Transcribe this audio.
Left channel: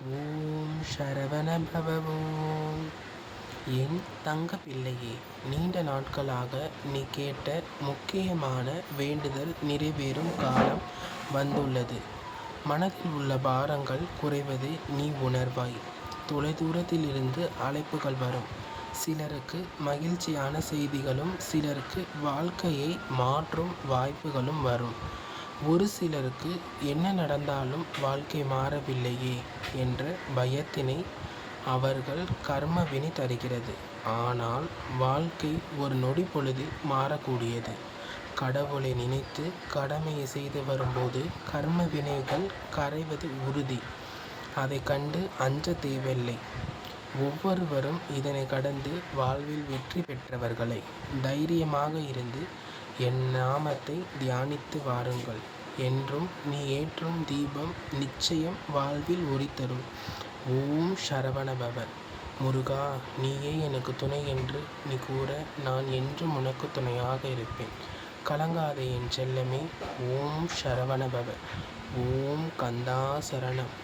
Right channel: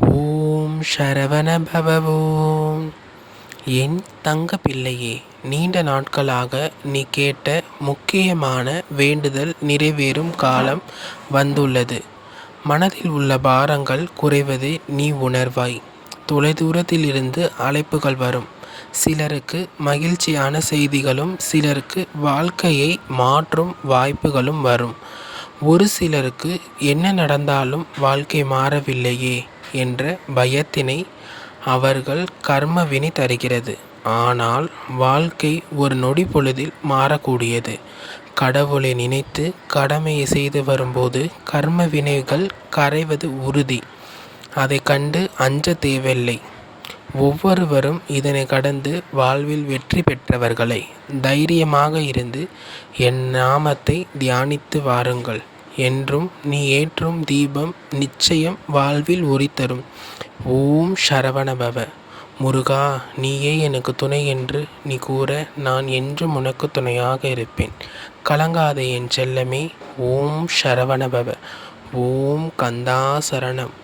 ஓம் சரவண பவ ஓம். என் தங்க பிள்ளையே, நீண்ட நாட்களாக நீ கேட்ட முக்கியமான வேண்டுதல் நிறைவேறும் காலம் வந்துள்ளது. மனதில் உள்ள பாரங்கள் குறைவதை நீ உணர்வாய். தொலைதூரத்திலிருந்து அழைப்புகள் வரும். சிலருக்கு மகிழ்ச்சியான செய்திகளும் சிலருக்கு வாழ்க்கையை மாற்றும் வாய்ப்புகளும் வரும். ஒரு சிலருக்கு என்ன நடந்தாலும் வாழ்க்கை மாறவில்லையே என்ற பயத்தினை அவர்கள் கர்மவினை தருகிறது. ஆனால் வாழ்க்கை ஒரு நொடி பொழுதில் மாறக்கூடியது. கடவுளை நினைத்து கடமையை செய்து வரும்போது கர்ம வினைகள் கரைவது உறுதி. அதை கண்டு அஞ்ச தேவையில்லை. ஒவ்வொருவரும் இதனை கடந்து வாழ்வில் வெற்றி பெற்றவர்களை. தைரியமாக இருந்து என் நாமத்தை தியானித்து வாருங்கள். என்றும் நீ ஏற்றும் தீபம் நிச்சயம் வாழ்வில் ஒளி தரும். ஓம் சரவணபவ. முருகா, நீயே எனக்கு துணை என்று நீ கூற நான் என்றும் உனக்கு துணையாக இருப்பேன். கலங்காதே என் செல்லமே. ஓம் சரவணபவ. ஓம் கந்தா சரணம்.